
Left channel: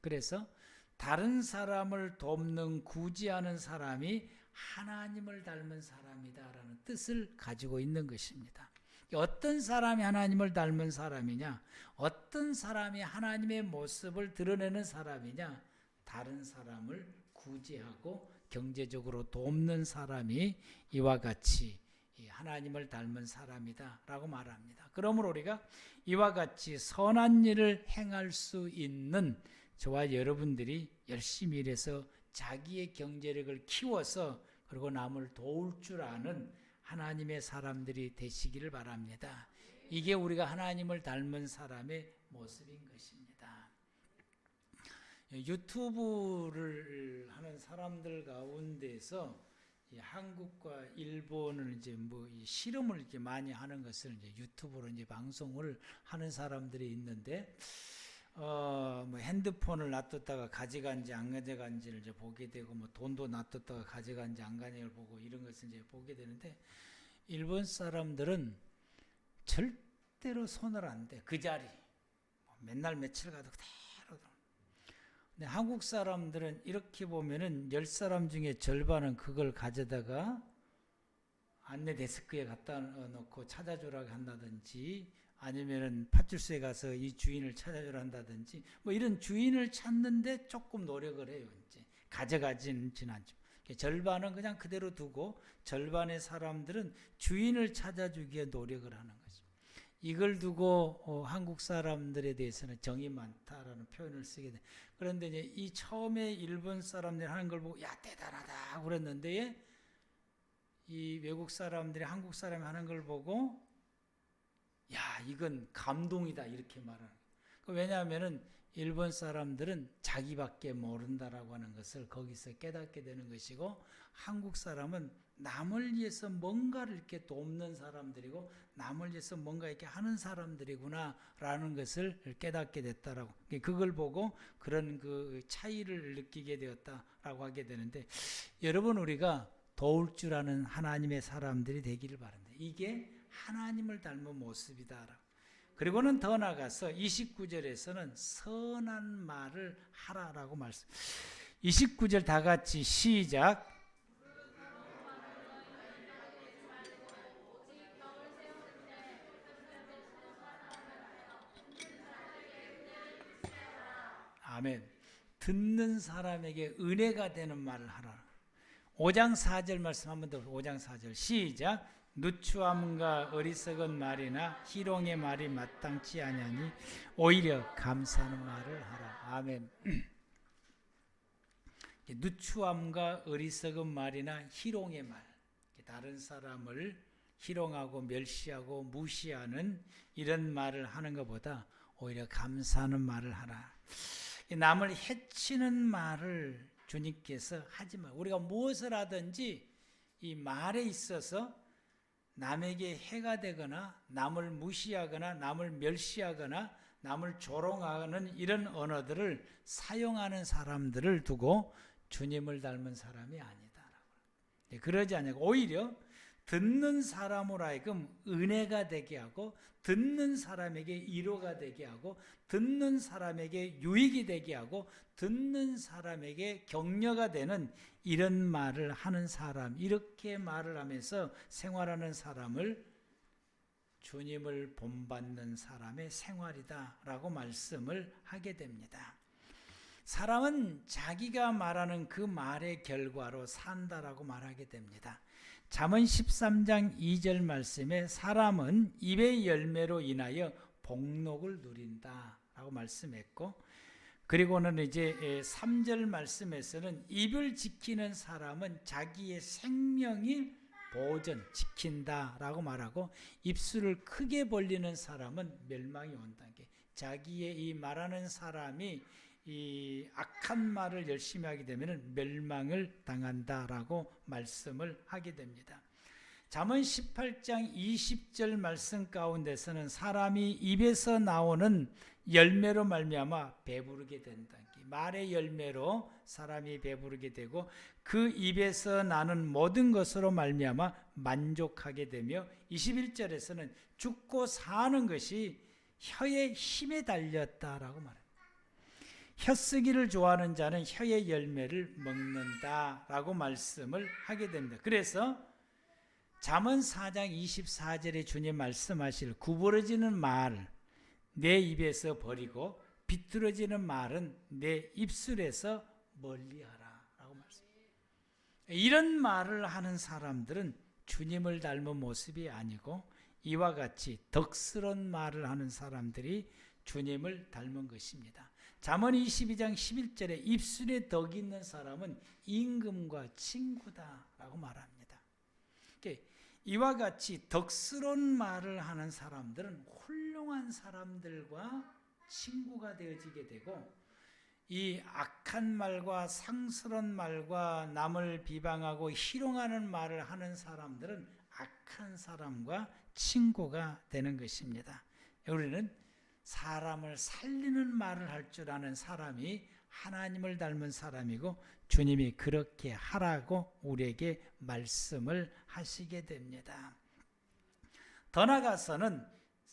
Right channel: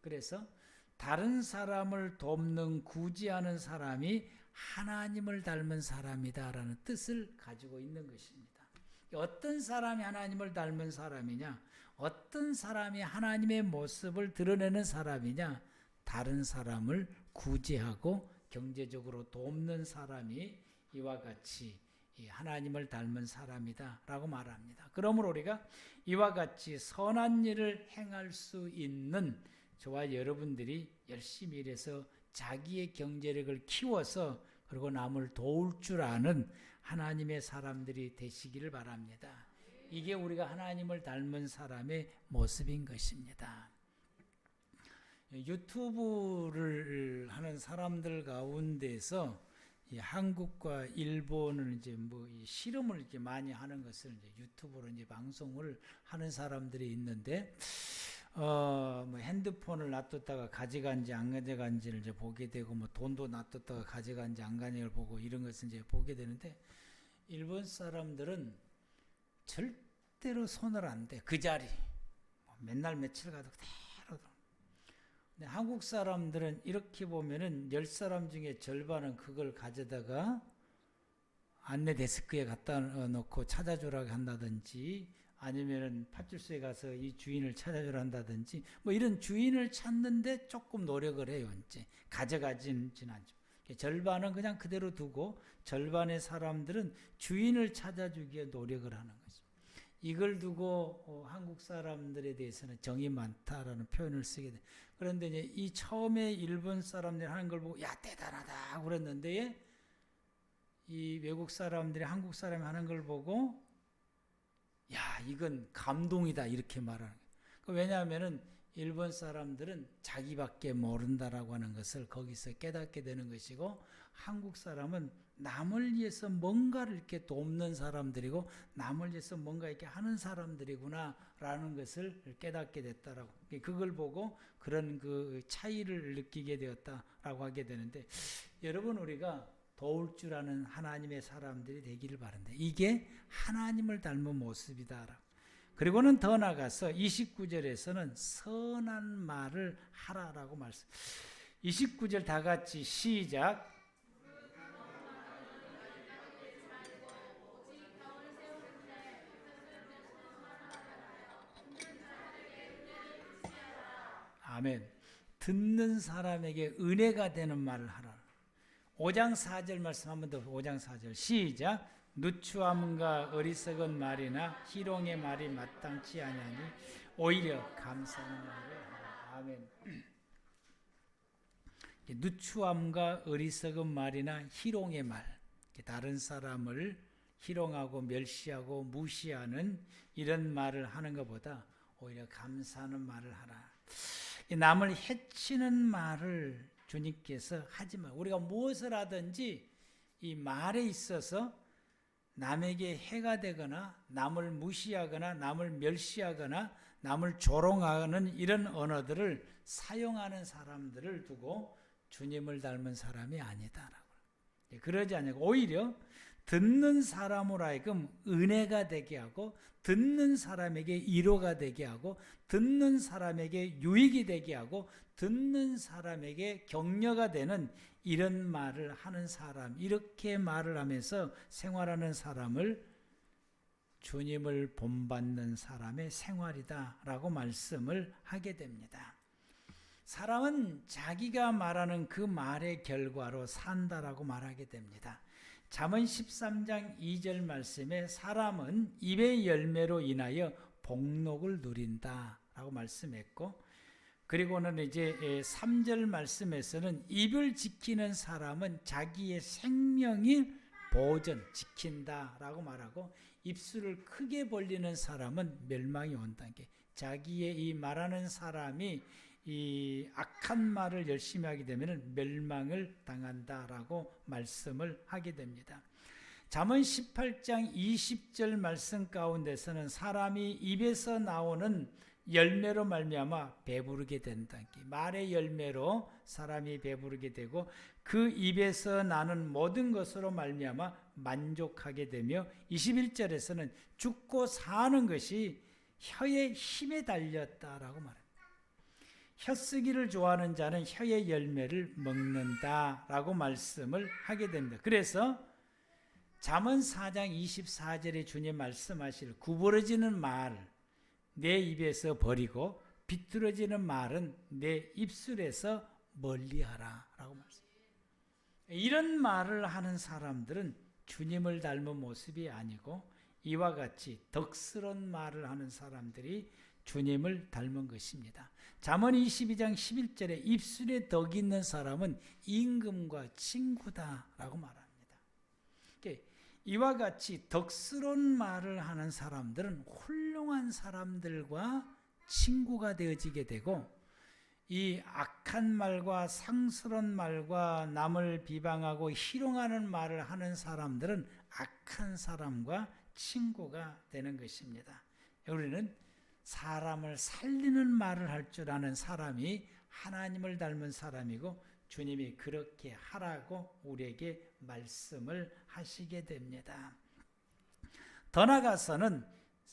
그래서 다른 사람을 돕는 구제하는 사람이 하나님을 닮은 사람이다라는 뜻을 가지고 있는 것입니다. 어떤 사람이 하나님을 닮은 사람이냐? 어떤 사람이 하나님의 모습을 드러내는 사람이냐? 다른 사람을 구제하고 경제적으로 돕는 사람이 이와 같이 하나님을 닮은 사람이다라고 말합니다. 그러므로 우리가 이와 같이 선한 일을 행할 수 있는 저와 여러분들이 열심히 일해서 자기의 경제력을 키워서 그리고 남을 도울 줄 아는 하나님의 사람들이 되시기를 바랍니다. 이게 우리가 하나님을 닮은 사람의 모습인 것입니다. 유튜브를 하는 사람들 가운데서 이 한국과 일본은 이제 뭐 실험을 이렇게 많이 하는 것을 이제 유튜브로 이제 방송을 하는 사람들이 있는데, 핸드폰을 놔뒀다가 가져간지 안 가져간지를 이제 보게 되고, 뭐 돈도 놔뒀다가 가져간지 안 가져간지를 보고 이런 것을 이제 보게 되는데, 일본 사람들은 절대로 손을 안 대. 그 자리 맨날 며칠 가도 그대로. 근데 한국 사람들은 이렇게 보면은 10사람 중에 절반은 그걸 가져다가 안내 데스크에 갖다 놓고 찾아주라고 한다든지, 아니면은 파출소에 가서 이 주인을 찾아주라 한다든지, 뭐 이런 주인을 찾는데 조금 노력을 해요. 이제 가져가지는 않죠. 절반은 그냥 그대로 두고 절반의 사람들은 주인을 찾아주기에 노력을 하는 거죠. 이걸 두고 한국 사람들에 대해서는 정이 많다라는 표현을 쓰게 돼요. 그런데 이제 이 처음에 일본 사람들이 하는 걸 보고 야 대단하다 그랬는데, 이 외국 사람들이 한국 사람 하는 걸 보고 야 이건 감동이다 이렇게 말하는 거예요. 왜냐하면 일본 사람들은 자기밖에 모른다라고 하는 것을 거기서 깨닫게 되는 것이고, 한국 사람은 남을 위해서 뭔가를 이렇게 돕는 사람들이고 남을 위해서 뭔가 이렇게 하는 사람들이구나라는 것을 깨닫게 됐다라고, 그걸 보고 그런 그 차이를 느끼게 되었다라고 하게 되는데, 여러분 우리가 도울 줄 아는 하나님의 사람들이 되기를 바랍니다. 이게 하나님을 닮은 모습이다. 그리고는 더 나아가서 29절에서는 선한 말을 하라라고 말씀. 29절 다 같이 시작. 아멘. 듣는 사람에게 은혜가 되는 말을 하라. 5장 4절 말씀 한번 더. 5장 4절 시작. 누추함과 어리석은 말이나 희롱의 말이 마땅치 아니하니 오히려 감사하는 말을 하라. 아멘. 누추함과 어리석은 말이나 희롱의 말, 다른 사람을 희롱하고 멸시하고 무시하는 이런 말을 하는 것보다 오히려 감사하는 말을 하라. 남을 해치는 말을 주님께서 하지 마. 우리가 무엇을 하든지 이 말에 있어서 남에게 해가 되거나 남을 무시하거나 남을 멸시하거나 남을 조롱하는 이런 언어들을 사용하는 사람들을 두고 주님을 닮은 사람이 아니다. 그러지 않고 오히려 듣는 사람으로 하여금 은혜가 되게 하고, 듣는 사람에게 위로가 되게 하고, 듣는 사람에게 유익이 되게 하고, 듣는 사람에게 격려가 되는 이런 말을 하는 사람, 이렇게 말을 하면서 생활하는 사람을 주님을 본받는 사람의 생활이다라고 말씀을 하게 됩니다. 사람은 자기가 말하는 그 말의 결과로 산다라고 말하게 됩니다. 잠언 13장 2절 말씀에 사람은 입의 열매로 인하여 복록을 누린다라고 말씀했고, 그리고는 이제 3절 말씀에서는 입을 지키는 사람은 자기의 생명을 보존 지킨다라고 말하고, 입술을 크게 벌리는 사람은 멸망이 온다는 게, 자기의 이 말하는 사람이 이 악한 말을 열심히 하게 되면 멸망을 당한다라고 말씀을 하게 됩니다. 잠언 18장 20절 말씀 가운데서는 사람이 입에서 나오는 열매로 말미암아 배부르게 된다. 말의 열매로 사람이 배부르게 되고, 그 입에서 나는 모든 것으로 말미암아 만족하게 되며, 21절에서는 죽고 사는 것이 혀의 힘에 달렸다라고 말합니다. 혀쓰기를 좋아하는 자는 혀의 열매를 먹는다라고 말씀을 하게 하게 됩니다. 그래서 잠언 4장 24절에 주님 말씀하실 구부러지는 말 내 입에서 버리고 비뚤어지는 말은 내 입술에서 멀리하라 라고 말씀합니다. 이런 말을 하는 사람들은 주님을 닮은 모습이 아니고 이와 같이 덕스러운 말을 하는 사람들이 주님을 닮은 것입니다. 잠언 22장 11절에 입술에 덕이 있는 사람은 임금과 친구다라고 말합니다. 이와 같이 덕스러운 말을 하는 사람들은 훌륭한 사람들과 친구가 되어지게 되고 이 악한 말과 상스러운 말과 남을 비방하고 희롱하는 말을 하는 사람들은 악한 사람과 친구가 되는 것입니다. 우리는 사람을 살리는 말을 할 줄 아는 사람이 하나님을 닮은 사람이고 주님이 그렇게 하라고 우리에게 말씀을 하시게 됩니다. 더 나아가서는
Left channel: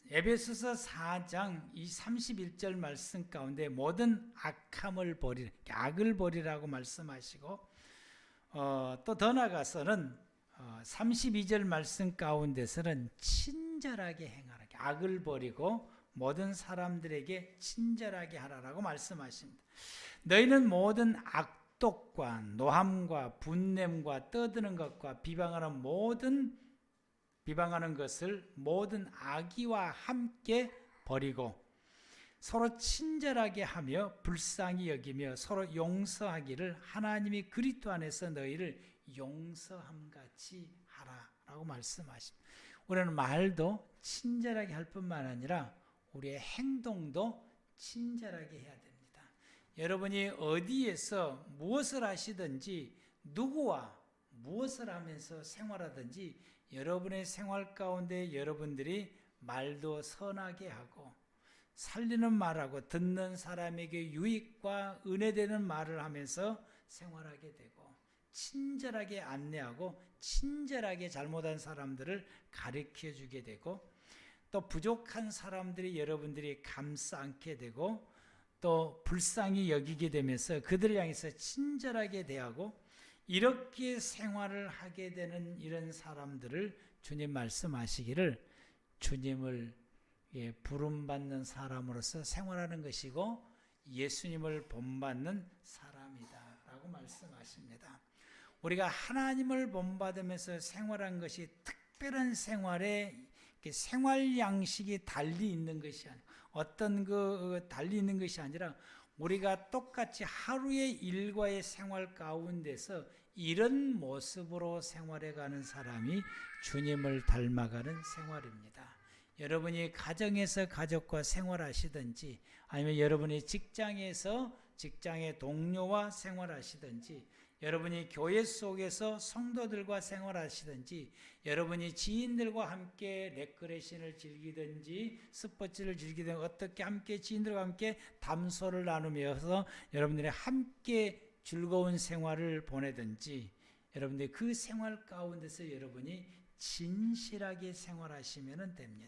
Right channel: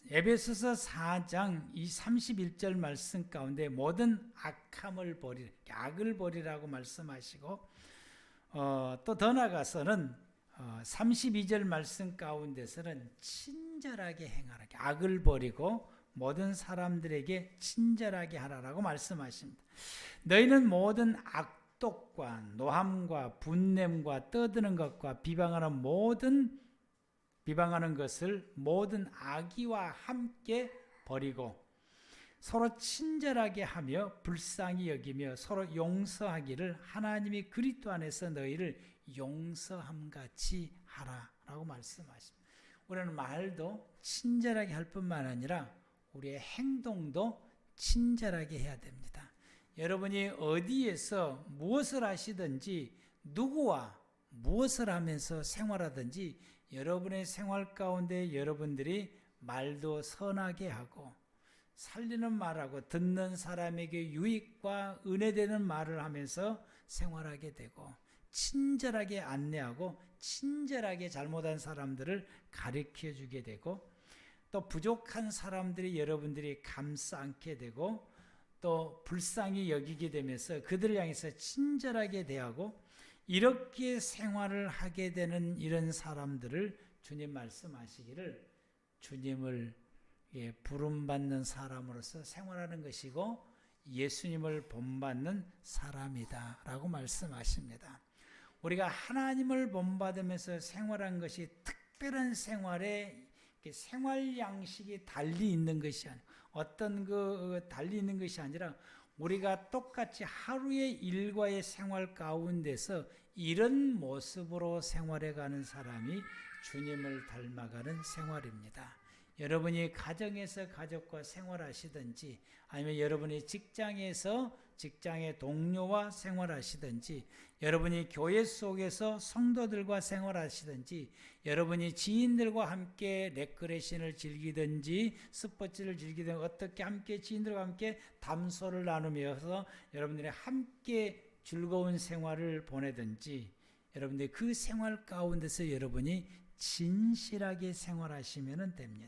에베소서 4장 이 31절 말씀 가운데 모든 악함을 버리라, 악을 버리라고 말씀하시고 또 더 나아가서는 32절 말씀 가운데서는 친절하게 행하라, 악을 버리고 모든 사람들에게 친절하게 하라라고 말씀하십니다. 너희는 모든 악독과 노함과 분냄과 떠드는 것과 비방하는 것을 모든 악의와 함께 버리고 서로 친절하게 하며 불쌍히 여기며 서로 용서하기를 하나님이 그리스도 안에서 너희를 용서함같이 하라라고 말씀하십니다. 우리는 말도 친절하게 할 뿐만 아니라 우리의 행동도 친절하게 해야 됩니다. 여러분이 어디에서 무엇을 하시든지 누구와 무엇을 하면서 생활하든지 여러분의 생활 가운데 여러분들이 말도 선하게 하고 살리는 말하고 듣는 사람에게 유익과 은혜되는 말을 하면서 생활하게 되고 친절하게 안내하고 친절하게 잘못한 사람들을 가르쳐 주게 되고 또 부족한 사람들이 여러분들이 감싸 안게 되고 또 불쌍히 여기게 되면서 그들을 향해서 친절하게 대하고 이렇게 생활을 하게 되는 이런 사람들을 주님 말씀하시기를 주님을 부름받는 사람으로서 생활하는 것이고 예수님을 본받는 사람이다 라고 말씀하십니다. 우리가 하나님을 본받으면서 생활하는 것이 특별한 생활 양식이 달리 있는 것이 아니라 어떤 달리 있는 것이 아니라 우리가 똑같이 하루의 일과의 생활 가운데서 이런 모습으로 생활해가는 사람이 주님을 닮아가는 생활입니다. 여러분이 가정에서 가족과 생활하시든지 아니면 여러분이 직장에서 직장의 동료와 생활하시든지 여러분이 교회 속에서 성도들과 생활하시든지 여러분이 지인들과 함께 레크레이션을 즐기든지 스포츠를 즐기든지 어떻게 함께 지인들과 함께 담소를 나누면서 여러분들이 함께 즐거운 생활을 보내든지 여러분들이 그 생활 가운데서 여러분이 진실하게 생활하시면 됩니다.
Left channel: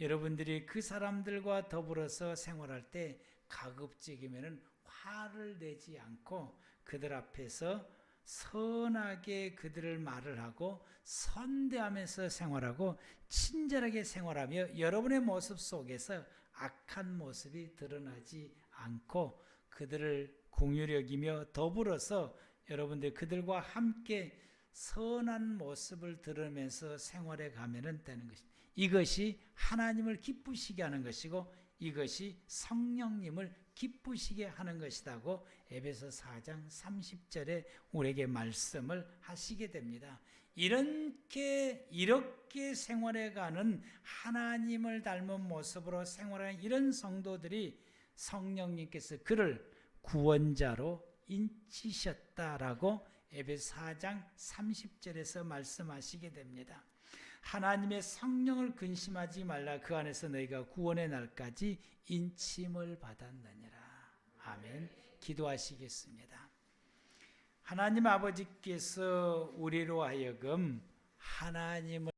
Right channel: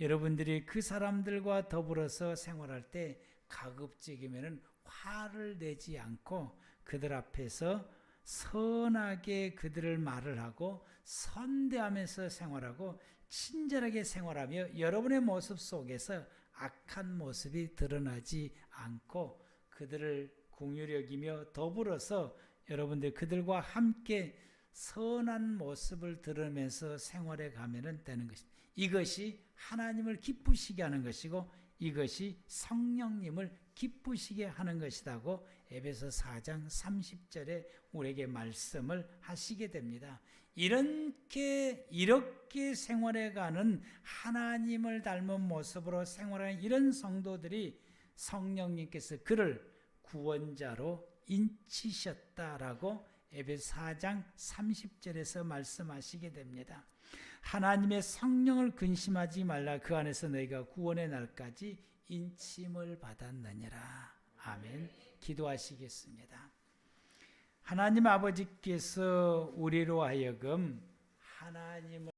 여러분들이 그 사람들과 더불어서 생활할 때 가급적이면 화를 내지 않고 그들 앞에서 선하게 그들을 말을 하고 선대하면서 생활하고 친절하게 생활하며 여러분의 모습 속에서 악한 모습이 드러나지 않고 그들을 공유히 여기며 더불어서 여러분들 그들과 함께 선한 모습을 들으면서 생활해 가면 되는 것입니다. 이것이 하나님을 기쁘시게 하는 것이고 이것이 성령님을 기쁘시게 하는 것이라고 에베소 4장 30절에 우리에게 말씀을 하시게 됩니다. 이렇게 생활해가는 하나님을 닮은 모습으로 생활하는 이런 성도들이 성령님께서 그를 구원자로 인치셨다라고 에베소 4장 30절에서 말씀하시게 됩니다. 하나님의 성령을 근심하지 말라. 그 안에서 너희가 구원의 날까지 인침을 받았느니라. 아멘. 기도하시겠습니다. 하나님 아버지께서 우리로 하여금 하나님을